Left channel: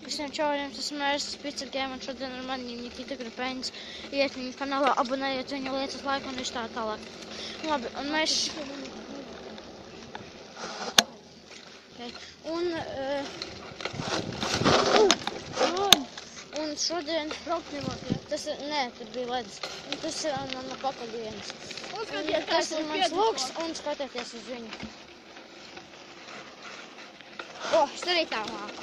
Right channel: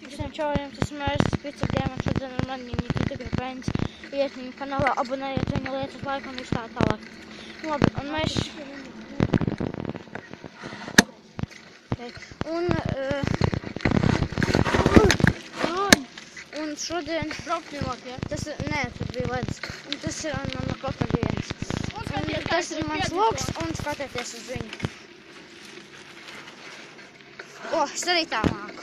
Visiem čauriem, tas Mērs Picagiem, un šodien ar mani Nikita Grupeņas. Iet viņa kanālā, abonējiet viņa lietas laiku un viss tā tālāk. Labi, un mēs... Un šodien braukt nevāk, ja? Tas ir, nē, tur bija ledus. Un tas ir no katra dienas. Un tas ir mans logs, un skatieties uz viņu. Es arī tā māku.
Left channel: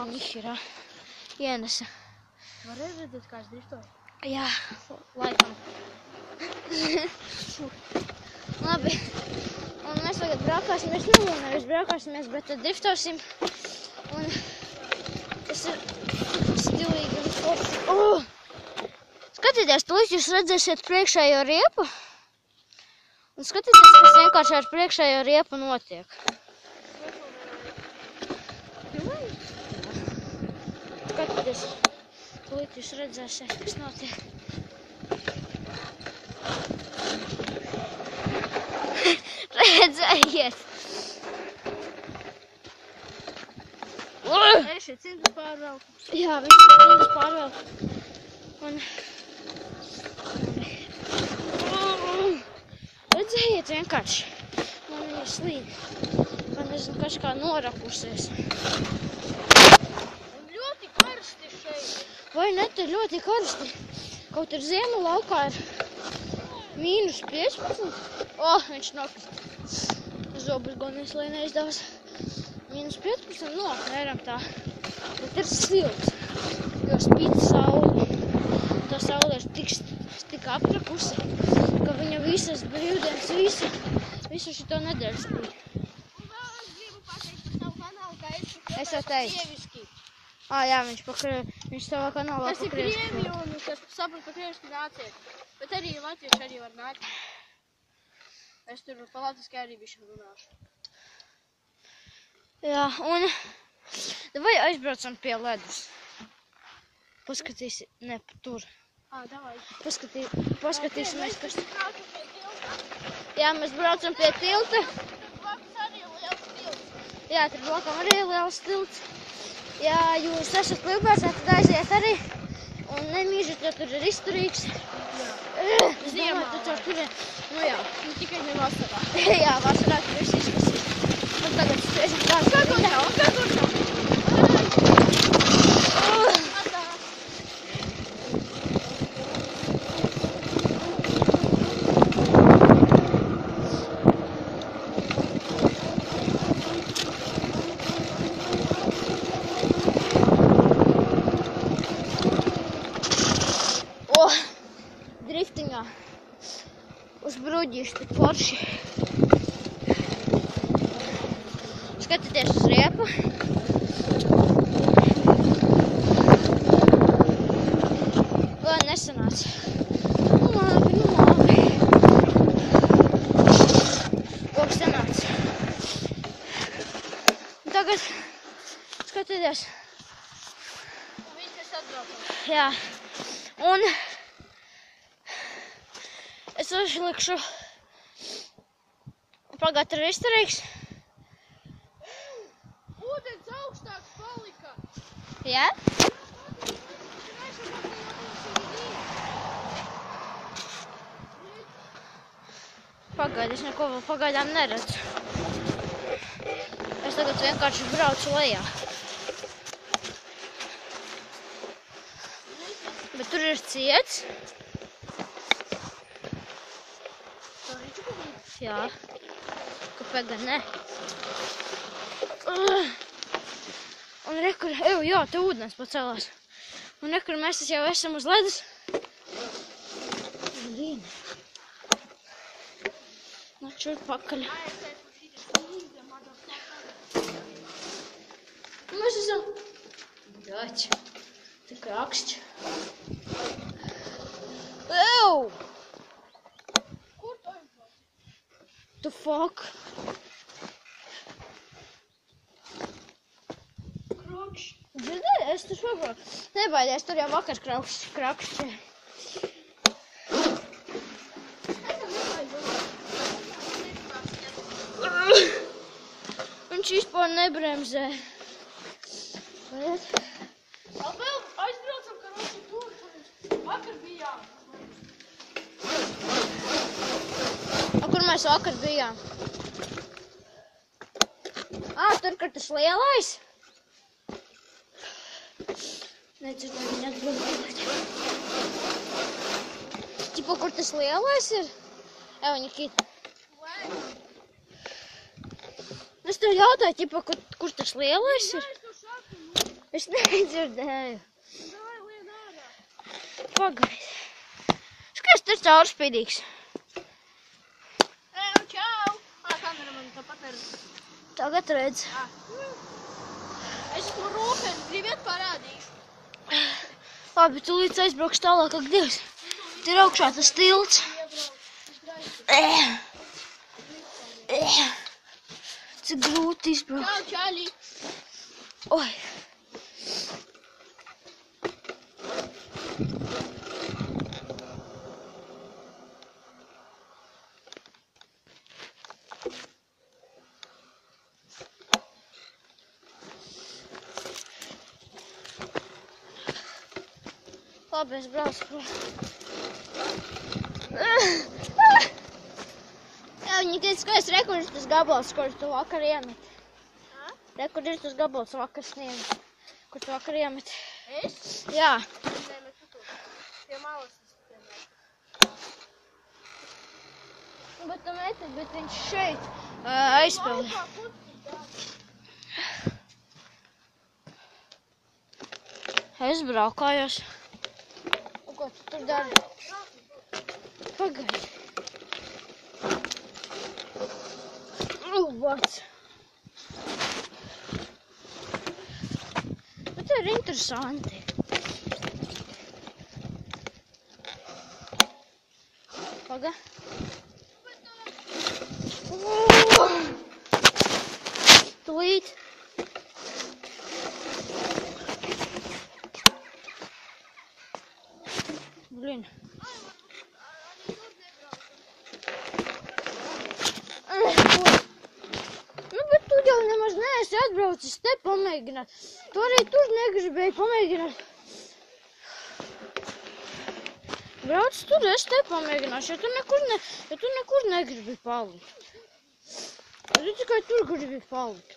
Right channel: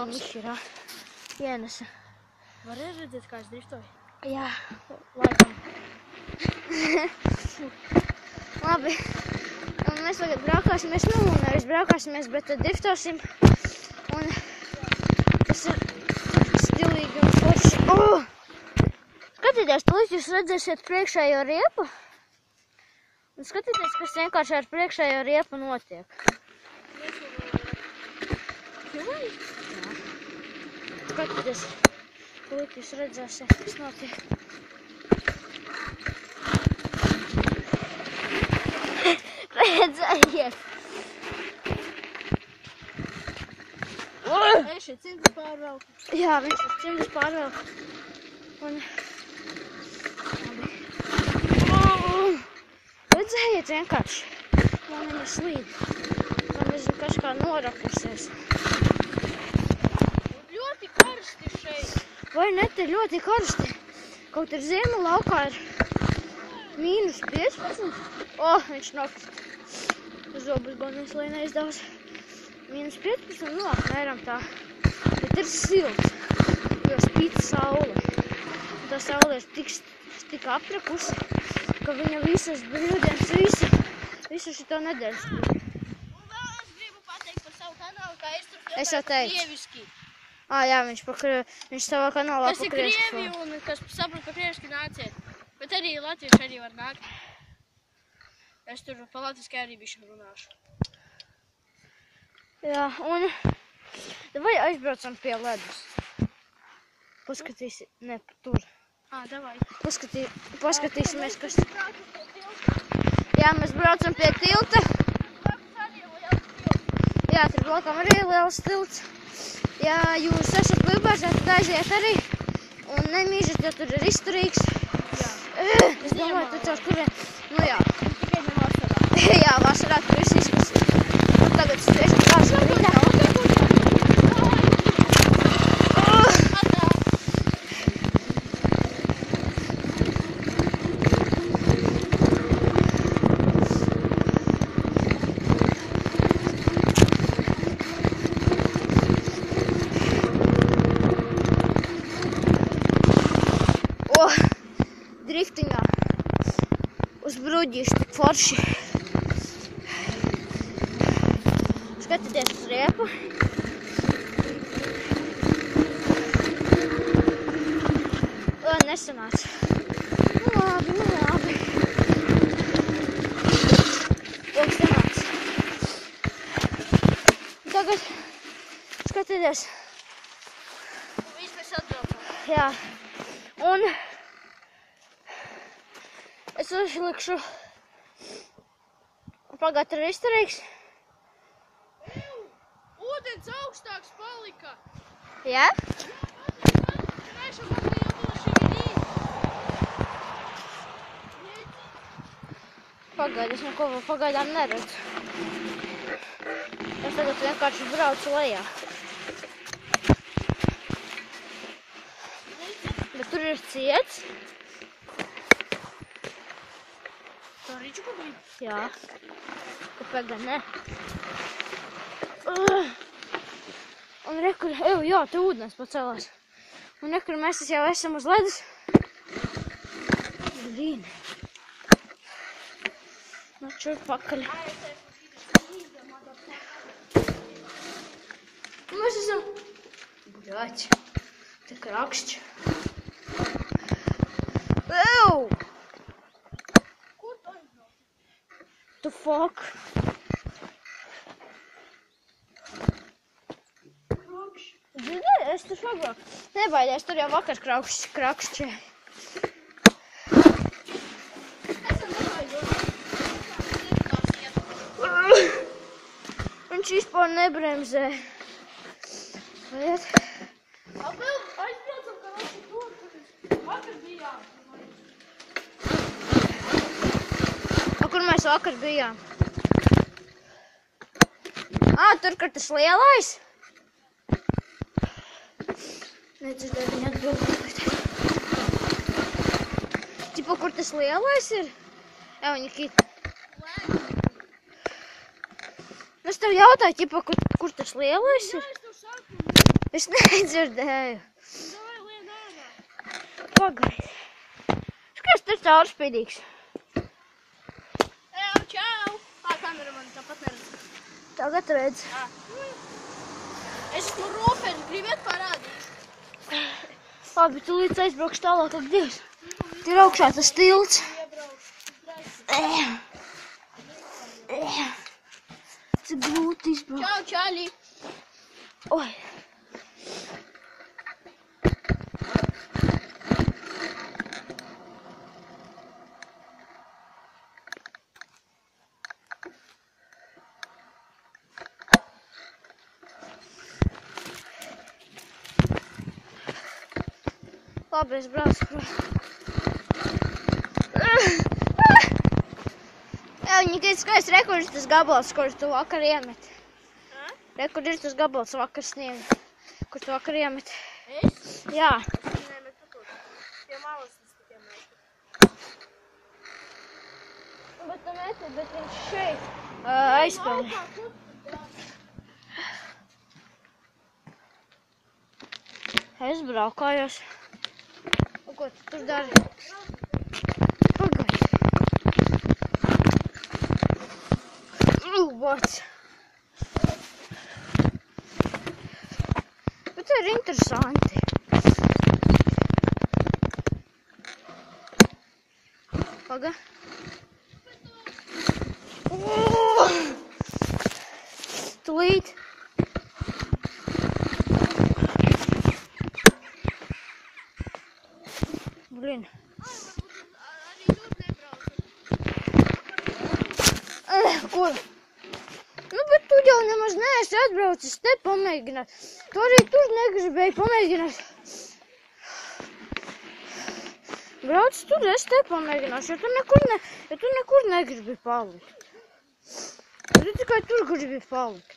Viņš ir ienesa. Var redzēt, kā es driftoju? Jā, laikam. Labi. Un mēs tagad braukāsimies, nevis braukāsimies, bet driftosim. Un tas ir stilīgi un forši. Skatieties, tūlīt jūs redzēsiet priekšējo riepu. Un skatieties, kas vienkārši ar priekšējo riepu notiek. Jā. Skatieties, tūlīt jūs redzēsiet, kas notiek. Redzējiet! Šeit cimdus pārvelk. Jā, viņš ir cimdus pārvelk. Un... Redzējiet vienkārši. Man viņa slīd. Man nezinu, kas kā norakusies. Un ļoti karsti šeit. Vai ne, te ļoti karsti. Kaut ir ziema laukā ir mīnus 15. Viņš nokrīt. Zobus gonīs, lai neizdevas. Mīnus 15, apmēram tā. Bet ir silts. Jo spīd saule. Un tā saule ir tik aprakusi, ka viņa visas brīvdienas, visu šito nedēļu spīd. Un vēl es gribu pateikt par savu kanālu, kā Es jau teicu. krieviski. Jā, viņš savā kanālā Tas ir pakrieviski. krievi un kas saprot pa krieviski nāciet. Bet arī latvieši arī var nākt. Es tur pa latviski arī bišķi runāšu. Jā, un vai aizbraucam pie ledus? Paskatīsi, ne, tur. Davai. Paskatīsimies, kas... Jā, mēs braucam pie tilta. Blakus arī liels tilts. Jā, tur blakam arī liels tilts. Ja jūs esat klibārs, tad aiziet arī. Un nemīžat, jo tur ir izturīgs. Jā. Ziemā taču tur ir, jā. Un tikai ne vasarā. Jā, vasarā tur viss izkas. Un tagad spēsim tās. Skakoņā. Driftingā uz bruģīšu tik forši. Skatieties uz riepu. Nesanāca. Nu labi. Sanāca. Un tagad skatieties. Un viss mēs atbraukam. Jā. Un es uzlikšu pagāt ir izturīgs. Ūdens augstāks palika. Jā? Pagaidi, es neko vēl pagaidām neredzu. Es tagad vienkārši braucu lejā. Bet tur ir ciets. Jā, kāpēc gan ne? Un rekur, jā, te ūdens pacēlās. Un rekur mēs jau esam uz ledus. Vīni. Čur pakaļ. Mēs esam... Daķi. Tik rakšķi. Kur tu aizbrauc? The fuck? Dzirdēji, es tur pabraucu. Nebaidies, tur jau vakar krakšķi. Viņš īsti vispār nebremzē. Vēl aizbraucam, ka mums ir tur, kur vakar bijām. Kur mēs vakar bijām? Tur, kur tas lielais? Nedzirdēju, viņa atbildēt. Ķipa, kur tas lielais ir? Jā, viņa kīt. Es tev jautāju, ķipa, kur tas lielais ir? Es nedzirdēju. Pagaidi. Skaties, tas caurspīdīgs. Čau! Kameraman tāpat neredz. Tagad redz. Es esmu rūpeni, gribiet parādīšu. Labi, tu līdz aizbraukšu tālāk, ak Dievs. Te ir augšā tas tilts. Cik grūti izbraukt. Čau, čāļi! Oi. Labi, es braucu. Jā, viņi teica, ka es rekur ir tas gabals, kur tu vakar iemet. Rekur ir tas gabals vakar sniegu, kur tu vakar iemet. Es? Jā. Nemet tu tur. Pie malas es tikiem metu. Bet tu meti, bet viņš šeit aizpildi. Es braukājos. Ko tu tur dari? Pagaidi. Rūbots. Bet te ir interesanti. Paga. Tūlīt. Blin. Arī tur nebraucu. Nu, bet tu jau nemaz neesi atbraucis te pamēģināt. Tu arī tur negribēji pamēģināt. Brauc tur, es te pamēģināšu, ja tu nekur negribi palikt. Tu tikai tur gribi palikt.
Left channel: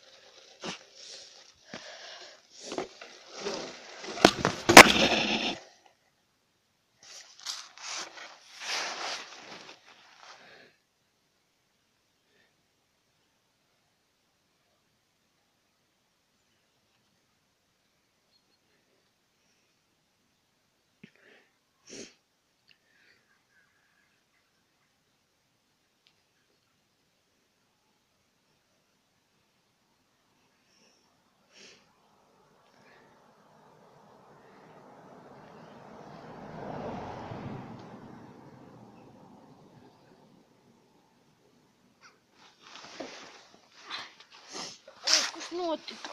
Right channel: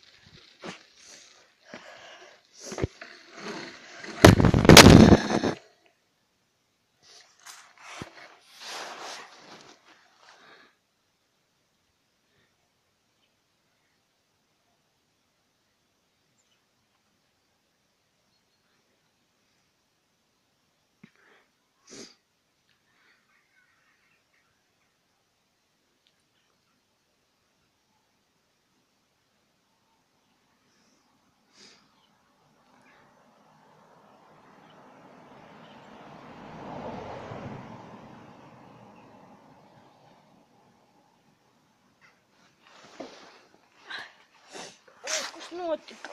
Notika.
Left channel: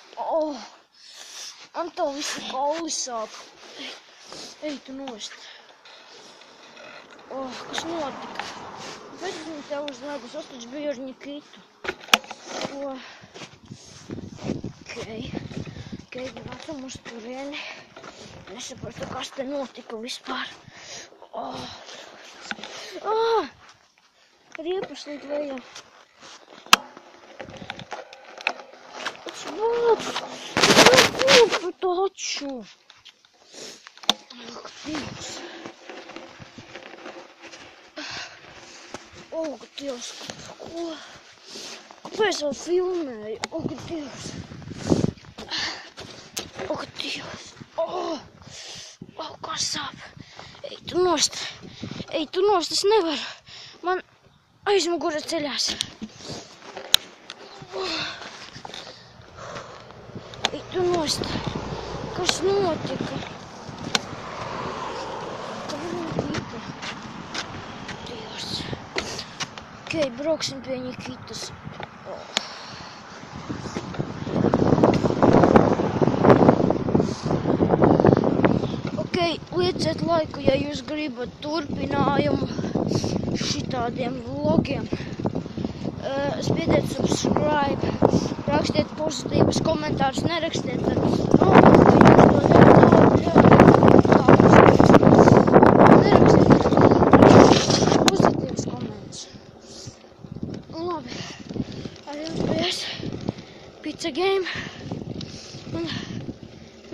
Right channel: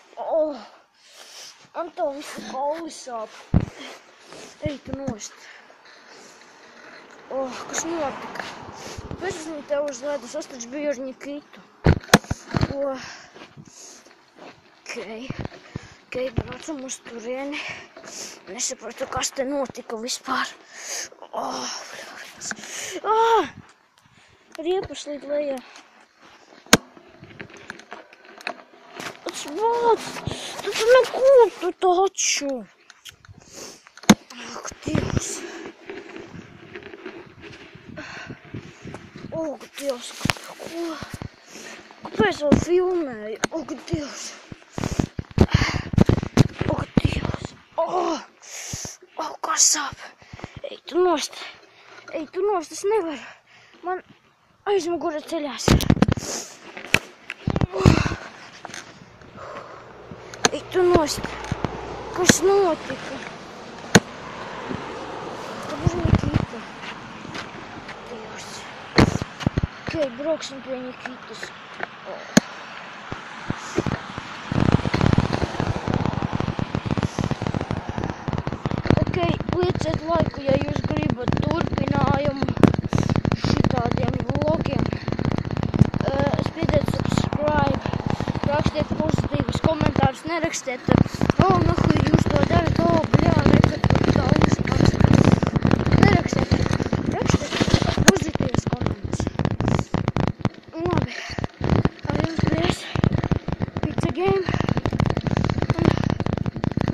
Man tā visi kauli sāp. Ej, tu nost. Kas notika? Pēc esmu tev uzvedus, es taču biju ar Nikitu. Okei, braucam uz turieni. Nesapratu, kas te notika vispār. Riepas līdz vējā. Вот, это накопу точу. Ох, Dievs. Ak, Dievs, ko? Kāpēc vēl filmēju? Ak, Dievs. Ak, Dievs. Kā sāp. Ej, tu nost, es nevaru. Man aizmugure ceļās. Ej, tu nost. Kas notika? Tur Nikita. Dievs. Okei, brauksim pie Nikitas. Okei, lieciet laiku, ja jūs gribat turpinājumu šitādiem vlogiem. spiediet subscribe, rakstiet pozitīvus komentārus, nerakstiet. Nerakstiet pozitīvus komentus. Labi, jums bijis Pizza Game un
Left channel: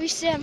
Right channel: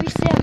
visiem